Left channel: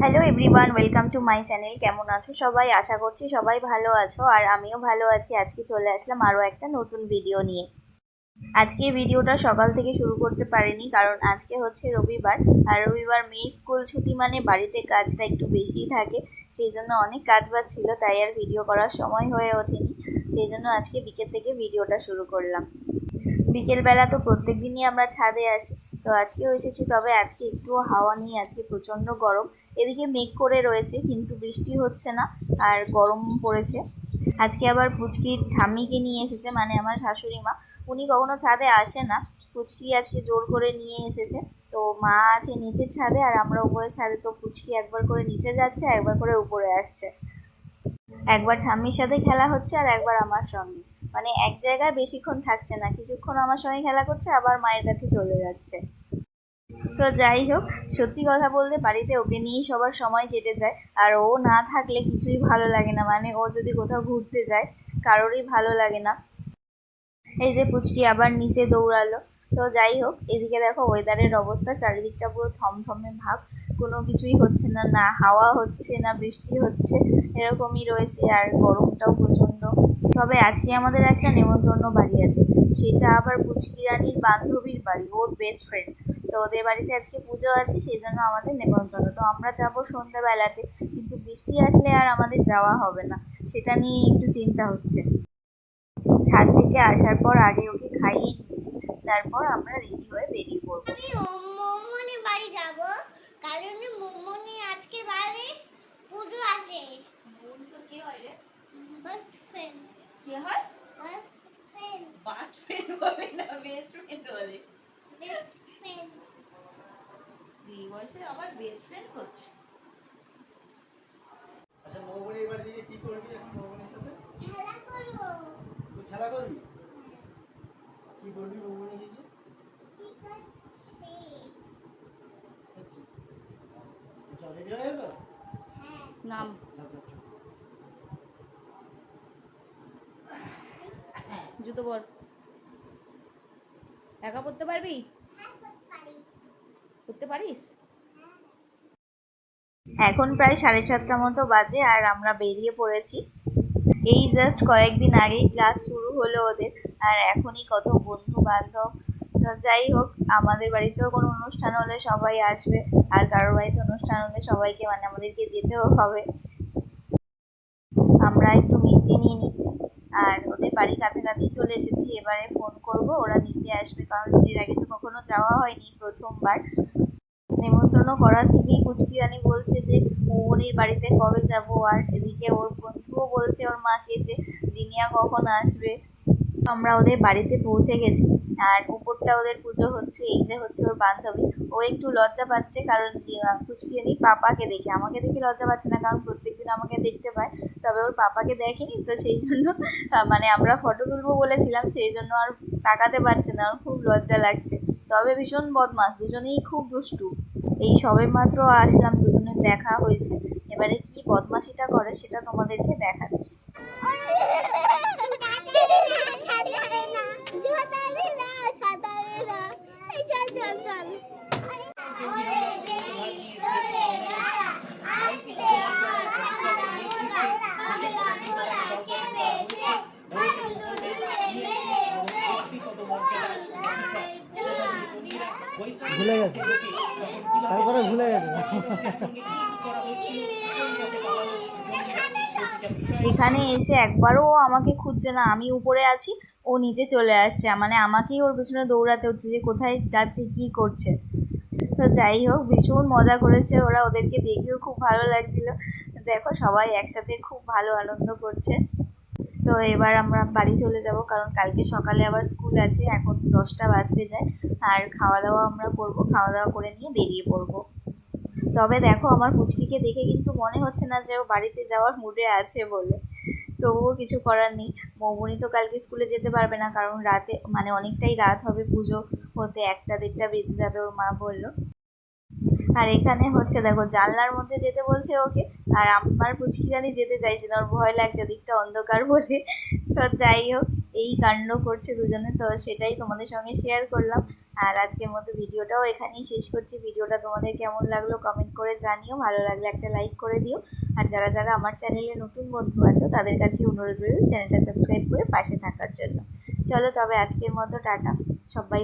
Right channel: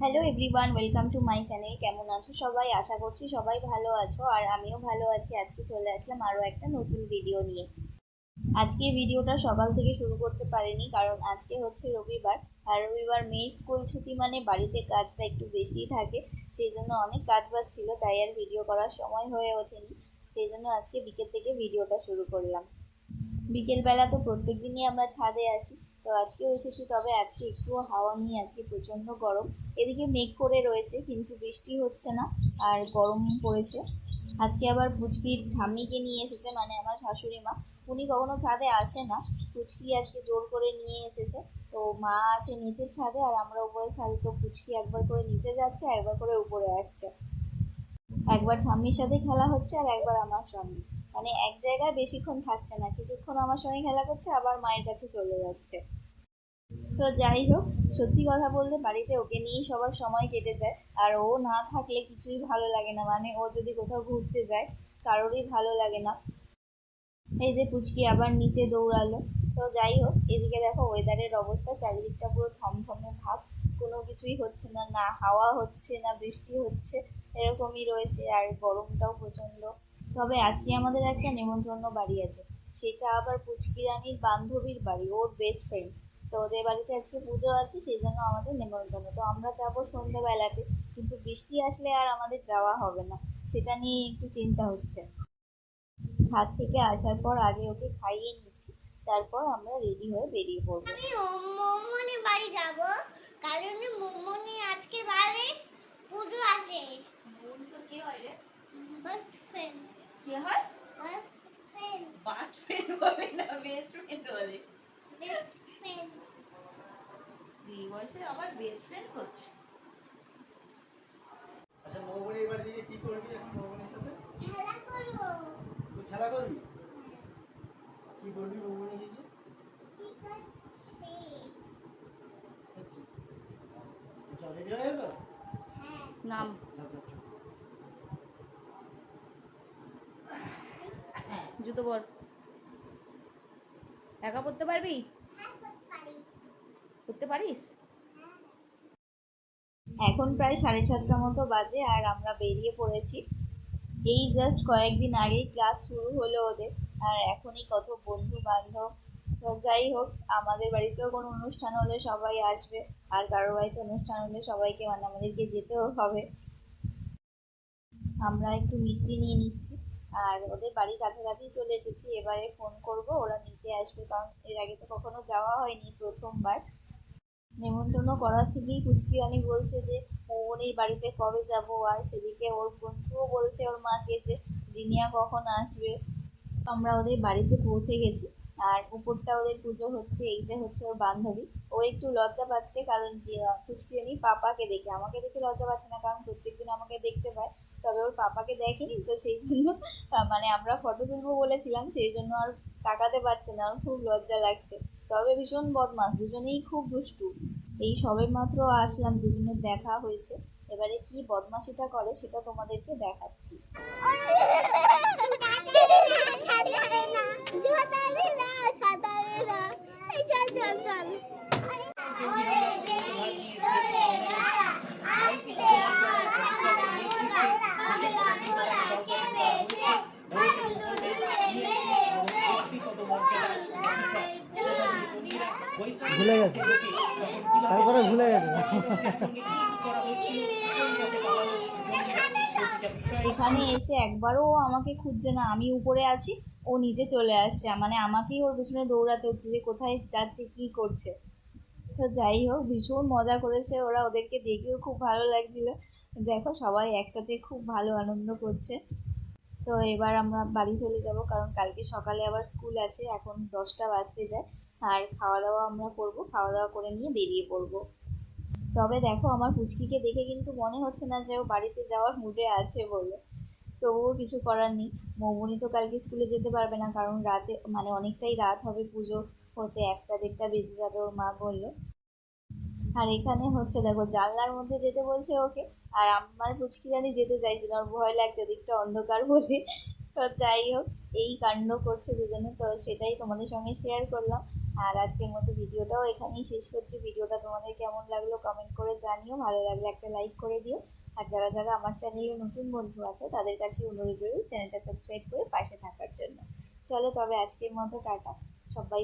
Hello everyone, welcome to my channel. কেমন আছো সবাই? আশা করছি সবাই ভালো আছো, আর আমিও ভালো আছি। আজকে চলে আসলাম আরও একটা নতুন ভিডিও নিয়ে। আজকে ভিডিওটা সকাল থেকে শুরু করতে পারিনি, কারণ আজকে হচ্ছে রবিবার, আর রবিবার মেয়ের স্কুল ছুটি মানে বাড়িতে কাজটা একটু বেশিই থাকে। সেই জন্য অনেক কাজ বাজ ছিল, তাই আর ভিডিও করার সময় হয়ে ওঠেনি। সেই জন্য আজকে বিকেল থেকে ভিডিওটা শুরু করলাম। বিকেলবেলা তো প্রত্যেক দিনই আমরা ছাদে আসি, তো আজকেও এসেছি। তবে আজকে একটুও হাওয়া নেই, আজকে প্রচণ্ড গরম। এদিকে মেঘ করে রয়েছে কিন্তু বৃষ্টি হচ্ছে না, আর গরম পড়েছে। আজকে আবার পুচকির ঠাম্মিকে নিয়ে এসেছে, মানে আমার শাশুড়ি মা। উনি কখনো ছাদে আসে না, পুচকি আজকে জোর করে নিয়ে এসেছে। তো মা আছে নিচের ছাদে আর আমরা উপরের ছাদে, তো পুচকি একবার করে নিচে যাচ্ছে, একবার করে উপরে আসছে। একবার ঠাম্মির সাথে খেলা হচ্ছে আর একবার আমার সঙ্গে। মানে এক জায়গায় বেশিক্ষণ থাকছে না, কিছুক্ষণ আমার সঙ্গে খেলা করছে, আবার মায়ের কাছে চলে যাচ্ছে। তো যাই হোক, সত্যি কথা বলতে বাড়িতে ওকে নিয়েই সবার সময় কেটে যায়। আর ও না থাকলে কিছুই ভালো লাগে না, মানে ও যদি কোথাও ঘুরতে যায় কারোরই ভালো লাগে না। এই যে পুচকি আবার নিচে দৌড়ালো। তো যাই হোক, এদিকে দেখো ওয়েদারের অবস্থা, চারিদিকটা পুরো থমথমে ভাব। কোনো কিছুই হচ্ছে না, না হাওয়া হচ্ছে না বৃষ্টি হচ্ছে, এরকমই রয়েছে। আর গরমটাও প্রচণ্ড। তবে আজকে আমাদের একটা নেমন্তন্ন বাড়ি আছে, সেটা আবার পুচকি রানীর বান্ধবীর বাড়ি, ওর বেস্ট ফ্রেন্ড। তো ওদের বাড়িতে আজকে পুজো আছে, সেই জন্য আমাদের নেমন্তন্ন। তো আমরা যাবো সন্ধ্যাবেলাতে, কিন্তু বৃষ্টি আসলে আর আমাদের যাওয়া হবে না, সেটা নিয়ে একটু চিন্তা হচ্ছে। ছাদ থেকে আসার পর আগে ওকে খাইয়ে নিয়েছি, তারপর আমরা রেডি হয়ে বেরিয়ে পড়বো। আমি মোমোনি বাড়ি যাব, কারণ মোমোনি আজকে বাড়ি পুজো আছে। মোমোনি তো কে হয় রে? Best friend. কে হয়? Best friend. বেস্ট ফ্রেন্ড বলে না, বেস্ট ফ্রেন্ড বলে। Best friend. এই বয়সে আবার বেস্ট ফ্রেন্ড হচ্ছে। আচ্ছা, মোমোনির বাড়ি গিয়ে কি করবি এখন? মোমোনির সাথে খেলা করব। তুই খেলা করবি? কি বলবি মোমোনিকে গিয়ে? ঠিক আছে। দেখছিস? চল, রেডি হয়ে গেল? হ্যাঁ। নাম জুতো পর। একা পড়তে পারবি? হ্যাঁ, করতে পারি। পড়তে পারিস? হ্যাঁ। এখন প্রায় 7:30 মতো বাজে, আর আমরা বেরিয়ে পড়েছি। এই জাস্ট কয়েকদিন আগেই ক্লাস শুরু হলো ওদের, আর এখনই কত বন্ধু বান্ধব। তো যাই হোক, আমাদের বাড়িতেও কোনো অনুষ্ঠান হলে সবাই আসবে, আর কারোর বাড়িতে অনুষ্ঠান হলে সবাইকে, মানে আমাদেরকে যেতেও হবে। আমরা একটু মিষ্টি নিয়ে নিচ্ছি, আর ওদের বাড়ির কাছাকাছি চলে এসেছি। এবারে ফোন করব, ওরা নিতে আসবে, কারণ এর আগে তো কখনো যাওয়া হয়নি, প্রথমবার। নেমন্তন্ন করার থেকেই পুচকি রানী বলছে যে মোমনির বাড়িতে কবে যাব, আর সেদিকে ওর বন্ধুও বলছে ওর মাকে যে জিনিয়া কখন আসবে। আমরা ওদের বাড়িতে পৌঁছে গেছি, আর উপরটা ওদের পুজো হচ্ছে। এই যে হচ্ছে ওর বান্ধবী, ও একটু লজ্জা পাচ্ছে, কারণ পুচকিরানি পাপাকে দেখে, আমাকে দেখে লজ্জা পাচ্ছে না, কারণ প্রত্যেকদিন আমাকে দেখতে পায়। তবে ওর পাপাকে দেখেনি, তো সেই জন্য মানে আমরা ফটো তুলবো বলেছিলাম, সেই জন্য আর তাকাতে পারছে না, ওর খুব লজ্জা লাগছে। তবে ভীষণ বদমাস, দুজনেই খুব দুষ্টু। এই সবে মাত্র আসলাম, দুজনের দেখা হয়েছে। এবারে কি বদমাশিটা করে সেটা তোমাদেরকে দেখাচ্ছি। ভুলে গেছে, তারপরে ভুলে গেছে। এখানে এসে একবারও ও আমাকে খুঁজছে না, আমি উপরে আছি, ও নিচে চলে আসছে, মানে আমাকেই ওর পেছনে দৌড়াতে হচ্ছে যে কোথায় যাচ্ছে কি করছে। তো যাই হোক, ভীষণ মজা করেছে ওরা, ওদেরকে দেখেও খুব ভালো লাগছিল। দেখো সবাই একসাথে খুব ভালো আনন্দ করছে। তো এবার আমরা বাড়ি চলে যাব, কারণ কালকে সকালে আবার স্কুল আছে, এখন 10টা বাজতে যায়। আর খাওয়া দাওয়া আমরা করব, খাওয়া দাওয়া করে নিয়ে বেরিয়ে পড়বো। তবে দেখো আমার পুচকিকে দেখে কিন্তু মনে হচ্ছে না যে ও বাড়িতে যাওয়ার মুডে আছে বলে। তবুও কিছু করার নেই। মৌবনি তো কালকে স্কুলে যেতে পারবে না, কারণ রাতে, মানে অনেকটাই রাত হবে, পুজো হতে 1টা 1:30 বেজে যাবে, ওর মা বললো। আর এখানে হচ্ছে দেখো, জানলার মধ্যে যেতে বলছে ওকে, আর আমার পুচকি রানী যেতে চাইছে না, ওর ভয় লাগছে, দিকটা অন্ধকার বলে। তো যাই হোক, এই কাণ্ড করছে দুজনে, তো সেটাই তোমাদের সঙ্গে শেয়ার করলাম। আর আজকের মতো ভিডিওটাও এখানেই শেষ করছি। ভিডিওটা তোমাদের কেমন লাগলো কমেন্ট করে জানিও, ভালো লাগলে একটা লাইক করে দিও। আর যারা যারা আমার চ্যানেলে নতুন বন্ধু আছো তাদের কাছে অনুরোধ রইল চ্যানেলটা সাবস্ক্রাইব করে পাশে থাকার জন্য। চলো তবে আজকের মতো টাটা, সবাই